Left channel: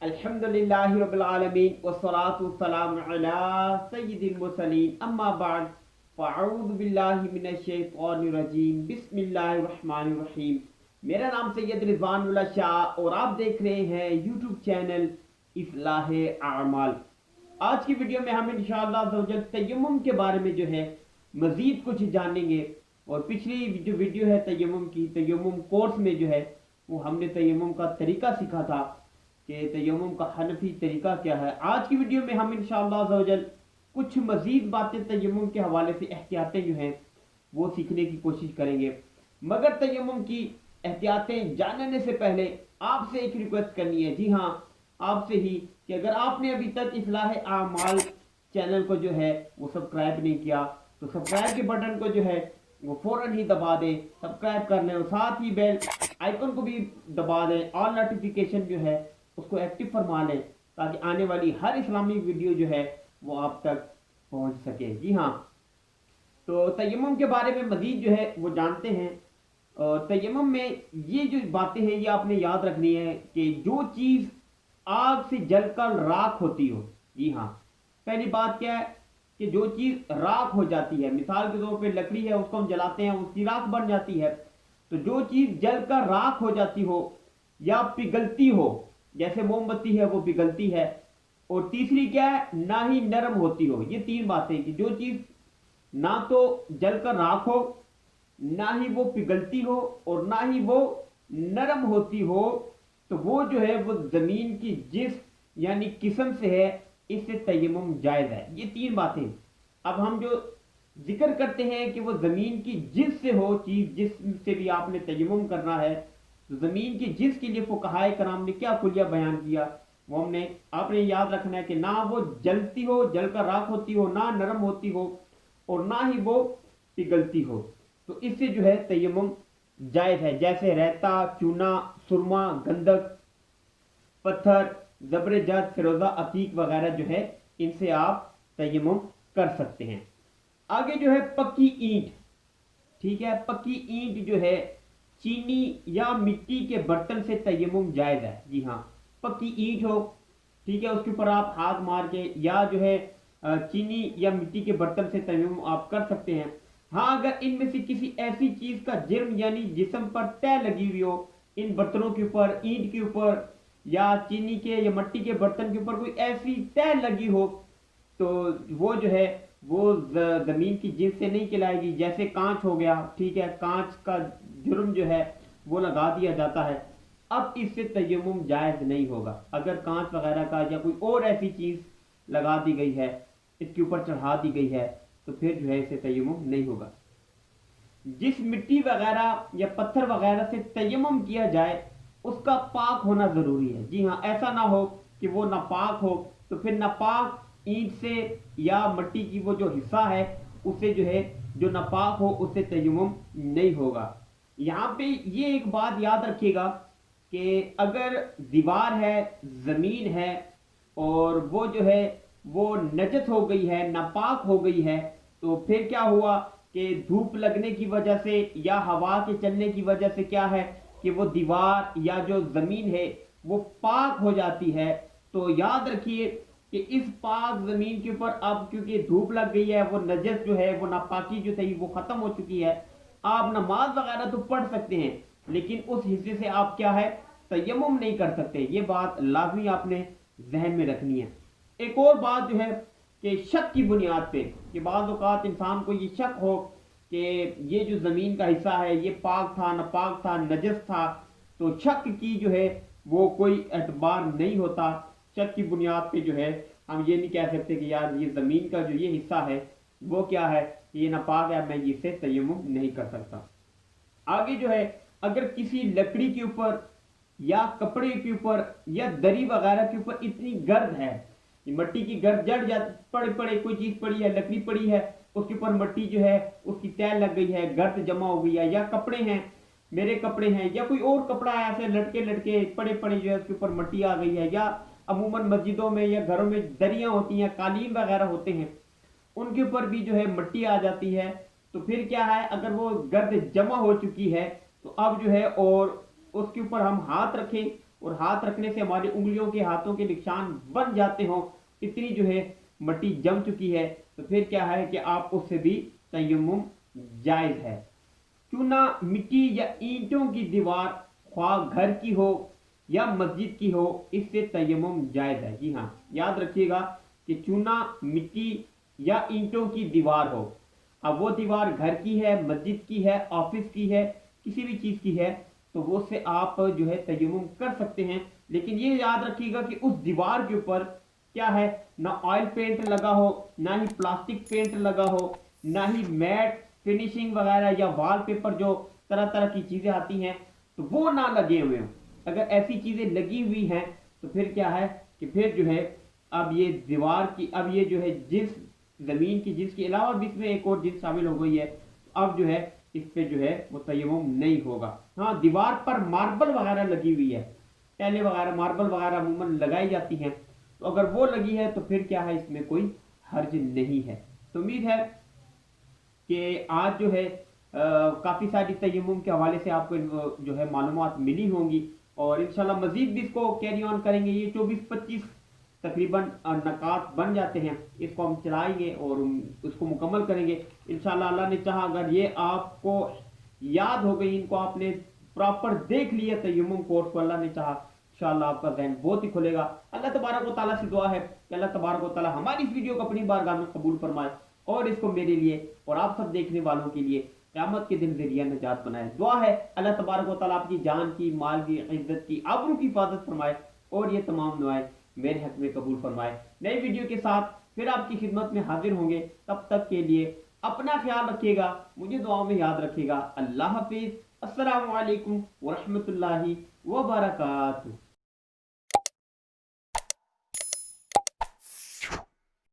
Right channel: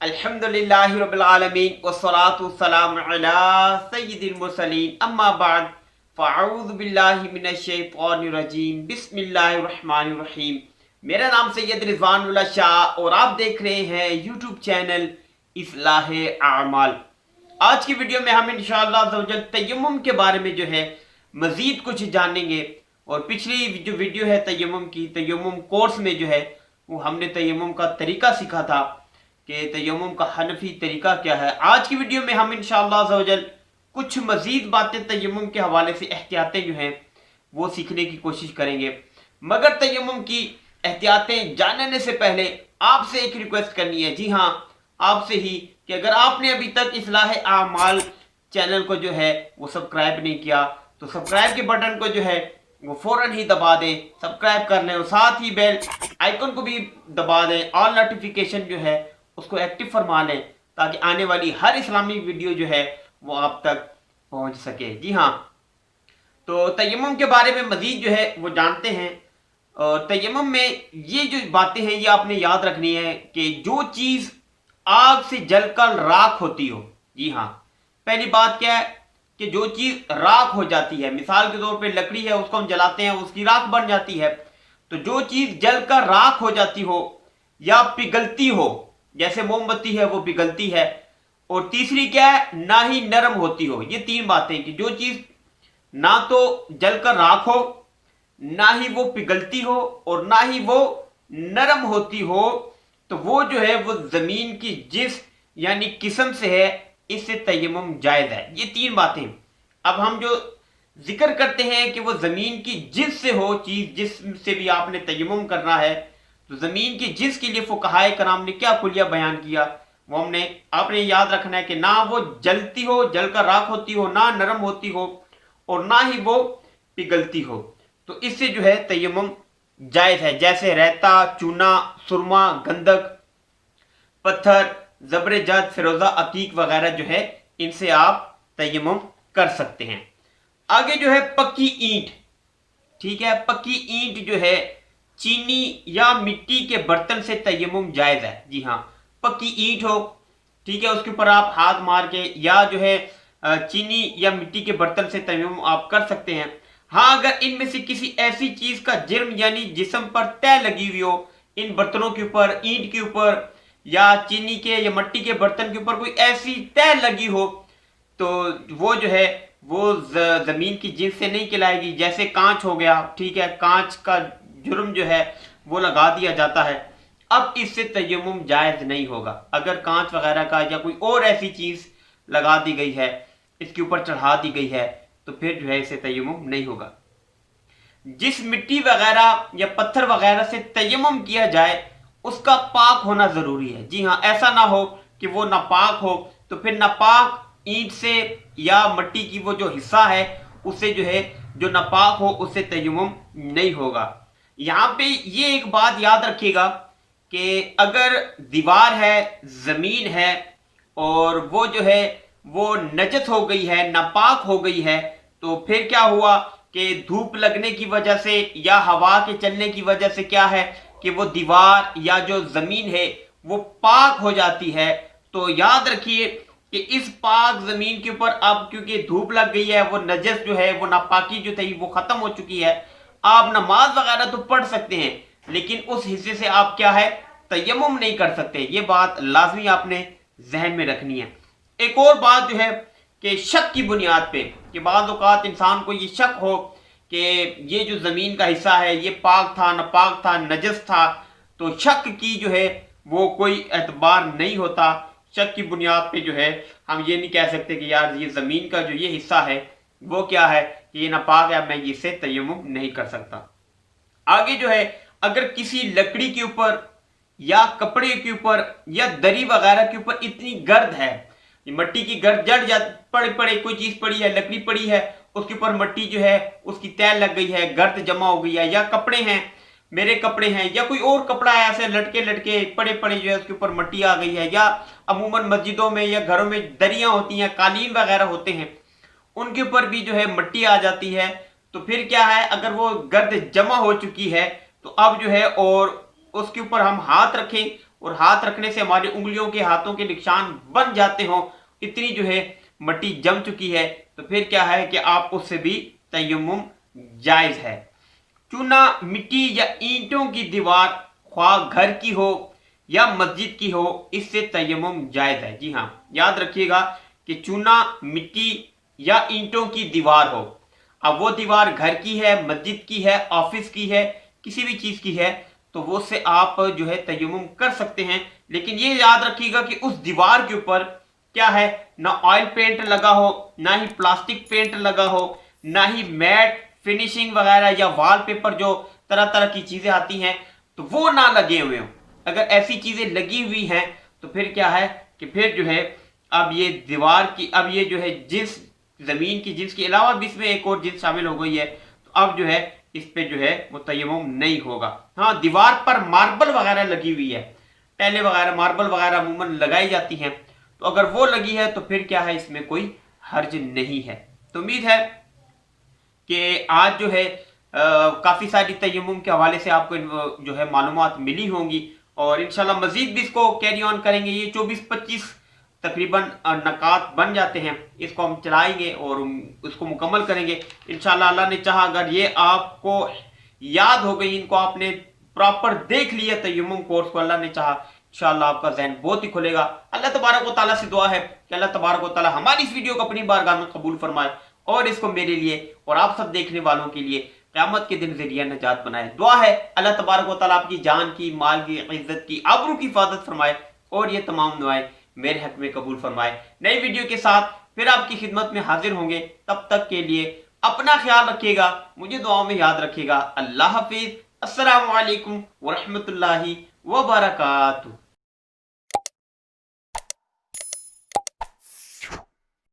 अल्हम्दुलिल्लाहि रब्बिल आलमीन वस्सलातु वस्सलामु अला सय्यिदिल मुरसलीन अम्मा बाद फ़अऊज़ु बिल्लाहि मिनश शैतानिर रजीम बिस्मिल्लाहिर रहमानिर रहीम। मेरा नाम सैयद रिजवानुल्लाह शाह और आप देख रहे हैं यूट्यूब चैनल इस्लाह आमाल। आज की वीडियो में हम इंशाअल्लाह अज़्ज़वजल तयम्मुम के बारे में जो है मज़ीद कुछ जानेंगे। और पिछली जो वीडियो है तयम्मुम की, तयम्मुम कोर्स में जो है वो हमने तयम्मुम का तरीका सीखा था कि तयम्मुम का हनफी तरीका क्या है। आज की वीडियो में हम इंशाअल्लाह अज़्ज़वजल कुछ मज़ीद बातें तयम्मुम के हवाले से एहतियातें जो हैं वो सीखने की कोशिश करेंगे। मगर तयम्मुम की एहतियातें जानने से पहले आपसे एक रिक्वेस्ट करनी है, जी हाँ आपसे ही, कि अगर आपने अभी तक इस्लाह आमाल चैनल को जो है वो सब्सक्राइब नहीं किया तो सब्सक्राइब के बटन को जो है वो फौरन ही दबा दें, सब्सक्राइब कर लें और साथ ही बेल आइकन को भी दबा दें, ऑल नोटिफिकेशन जो है उसको एक्टिव फरमा लें ताकि आने वाली हर इस्लामिक वीडियो जो है वो आप तक पहुंच सके। जी हाँ, तो तयम्मुम के बारे में मजीद जो है वो जानते हैं। और तयम्मुम में ये जो बातें हैं ये आपने याद रखनी है कि जो चीज़ आग से जलकर राख होती हो, जी हाँ, पहली बात क्या है कि जो चीज़ राख हो जाती है, मिसाल के तौर पे लकड़ी है उसको हम जलाते हैं उसकी राख बन जाती है, तो जो चीज़ जलकर राख हो जाती हो या पिघलती हो, जैसे मोमबत्ती है वो पिघलती है। और तीसरी क्या है, ना ही नरम होती हो। ये तीन बातें कि जो चीज़ ना तो जलकर राख हो, ना ही वो पिघलती हो और ना ही वो नरम होती हो, तो वो जो है वो जमीन की जिस यानी किस्म से है, इससे तयम्मुम जायज है। ये तीन बातें। अब हम जो जिक्र करते हैं कि वो जमीन की जिस से हो चीज, जिस से भी आपने तयम्मुम करना है, तो जमीन की जिस के लिए फुकहाए कराम ने क्या कुलिया बयान किया वो हमने आपने याद रखना है कि ना वो जलती हो, जलकर राख होती हो, ना नरम होती हो और ना ही वो पिघलती हो, तो इससे जो है तयम्मुम जायज है। जैसे रहता, चूना, सुरमा, गंधक, पत्थर, जबरे जद, फिरोजा, अतीक वगैरह जो है इनसे आप तयम्मुम कर सकते हैं। आगे जो है पक्की ईंट, ठीक है, पक्की ईंट जो है चीनी या मिट्टी के बर्तन से तयम्मुम जायज है। जी हाँ, पक्की ईंट हो, ठीक है, उसके ऊपर आप हाथ मार के या जो है चीनी या मिट्टी के बर्तन से तयम्मुम आप कर सकते हैं। हाँ, अगर इनमें से किसी ऐसी चीज का जिर्म यानी जिस्म पर तय लगी हुई हो, इन बर्तनों के ऊपर, ईंट के ऊपर या चीनी के या मिट्टी के बर्तन के ऊपर कोई ऐसी तय लगी हो, तो वो जो है वो जमीन की जिस से नहीं कहलाएगी। जैसे कांच हो गया, ठीक है, कांच का जुर्म जो है वो लगा दिया जाता है, अब इससे तयम्मुम जायज नहीं होगा। अगर कांच वगैरह का या कोई और ऐसी चीज लगा दी गई है, इसके ऊपर चढ़ा दी गई है, तो फिर जो है इसे तयम्मुम नहीं होगा। जिस मिट्टी वगैरह या पत्थर वगैरह से तयम्मुम किया जाए उसका पाक होना जरूरी है। जी हाँ, ऐसा ना हो कि वो नापाक हो, तो फिर नापाक ईंट से या मिट्टी की वो जो हिस्सा है उससे जो है, जो नापाक हो उससे तयम्मुम नहीं होगा। यहाँ पे ये एक बात याद रखिएगा कि अगर दीवार है, जमीन है और वो जो है वो नजस हो गई है, नापाक हो गई है, तो फिर क्या हुआ कि धूप लगने की वजह से या हवा के चलने की वजह से क्या है कि वो दीवार या जो जमीन है वो पाक हो जाती है। तो याद रखिए कि इस पाक जमीन के ऊपर अब क्योंकि धूप लग गई है, वो नजस जो है, वो नापाकी जो थी वो खत्म हो चुकी है। आप नमाज वगैरह तो पढ़ सकते हैं लेकिन उस हिस्से से आप क्या है तयम्मुम नहीं कर सकते। ये बात लाजमी आपने जहन में रखनी है। एक और बात जो है कि शक की बुनियाद पे, कि बाज़ औक़ात इंसान को ये शक हो कि ये जो ज़मीन का हिस्सा है ये पाक था, नापाक था, नजस था, तो शक की जो है वो कोई एतबार नहीं होता। शक की बुनियाद पे जो है हम ये नहीं कह सकते कि यार ये ज़मीन का जो ये हिस्सा है वो क्या है, ये नापाक है, मैं इससे तयम्मुम नहीं कर सकता। आगे जो है अगर किसी लकड़ी के ऊपर या कपड़े के ऊपर या दरी वगैरह के ऊपर इतनी गर्द है, मिट्टी की गर्द जड़ जा पड़े पड़े, कोई चीज पड़ी है, लकड़ी पड़ी है, उसके ऊपर मिट्टी जो है उसकी तय लग गई है, गर्द जमा हो गई है, या कपड़े हैं, मेरे कपड़े हैं या कोई और कपड़ा है ऐसे लटके लटके पड़े पड़े जो है उसके ऊपर मिट्टी आ गई है, या अमूमन मस्जिदों में या घरों में दरियां होती हैं, कालीन वगैरह होते हैं, उनके ऊपर भी जो है मिट्टी आ जाती है, तो फिर क्या है अगर वो गर्द जमा हो चुकी है तो अब जो है और उसके ऊपर हम हाथ रखें और हाथ रखने से हमारी उंगलियों के हाथों के निशान बन जाते हों, इतनी जो है मट्टी जम चुकी है, तो फिर क्या है कि आप उससे भी तयम्मुम जायज़ है। चूना, मिट्टी या ईंटों की दीवार, ख्वाह घर की हो या मस्जिद की हो, इससे तयम्मुम जायज़ है। जी हाँ, याद रखिएगा कि चूना, मिट्टी या ईंटों की दीवार हो, अब वो दीवार घर की है, मस्जिद की है, ऑफिस की है, किसी भी चीज़ की है, तो वो से आप जो है तयम्मुम कर सकते हैं। लेकिन ये याद रखिएगा कि उस दीवार के ऊपर क्या है, ना ऑयल पेंट लगा हो, ना ही प्लास्टिक पेंट लगा हो, ना ही मैट फिनिशिंग वगैरह या वॉलपेपर जो तरह तरह की चीज़ें आती हैं, तो वो ना लगे हुए हों। अगर ऐसी चीज़ें लगी हुई हैं तो फिर क्या है कि फिर जो है अब ये दीवार की, अब ये जो है जिस ज़मीन की जिन्स के अलावा भी इसमें एक और जिन्स शामिल हो गई है, तो अब जो है इस पे जो है वो तयम्मुम नहीं होगा। हाँ, दीवार पर मार्बल वगैरह लगी हुई है, टाइलें वगैरह, मार्बल वगैरह अमूमन लगाई जाती हैं, तो अगर वो लगी है तो फिर क्या है, इसमें कोई हर्ज नहीं है। तो उम्मीद है कि आज जो है काफ़ी सारी तयम्मुम के हवाले से आपको जो है मालूमात मिली होंगी, और इंशाल्लाह मज़ीद भी इसको कैरी ऑन करेंगे। ये 24-25 तकरीबन नकात बन जाते हैं, इसको हम चलाएंगे और उसको मुकम्मल करेंगे इंशाल्लाह। अल्लाह ने चाहा अगर ये आपको याद हो गई, इनको आपने प्रॉपर देख लिया तयम्मुम कोर्स को, अल्लाह ने चाहा इंशाल्लाह आपका ज़हन बहुत ही खुलेगा। अल्लाह तबारक व तआला से दुआ है कि अल्लाह तबारक व तआला हमारी इस वीडियो को अपनी बारगाह में कबूल फरमाए और इसको मेरे लिए और आप सब देखने वालों के लिए क़यामत के दिन ज़रिया नजात बनाए। दुआ है अल्लाह तबारक व तआला आपकी जान की, माल की, इज्जत की, आबरू की हिफाजत फरमाए और ये तमाम दुआएं मेरे हक में कबूल फरमाए। नई वीडियो के साथ फिर आपकी खिदमत में हाजिर होंगे, तब तक के लिए अपना ख्याल रखिएगा, मुझे दुआओं में याद रखिएगा। अल्लाह हाफिज़। अस्सलामु अलैकुम व रहमतुल्लाहि व बरकातुहू।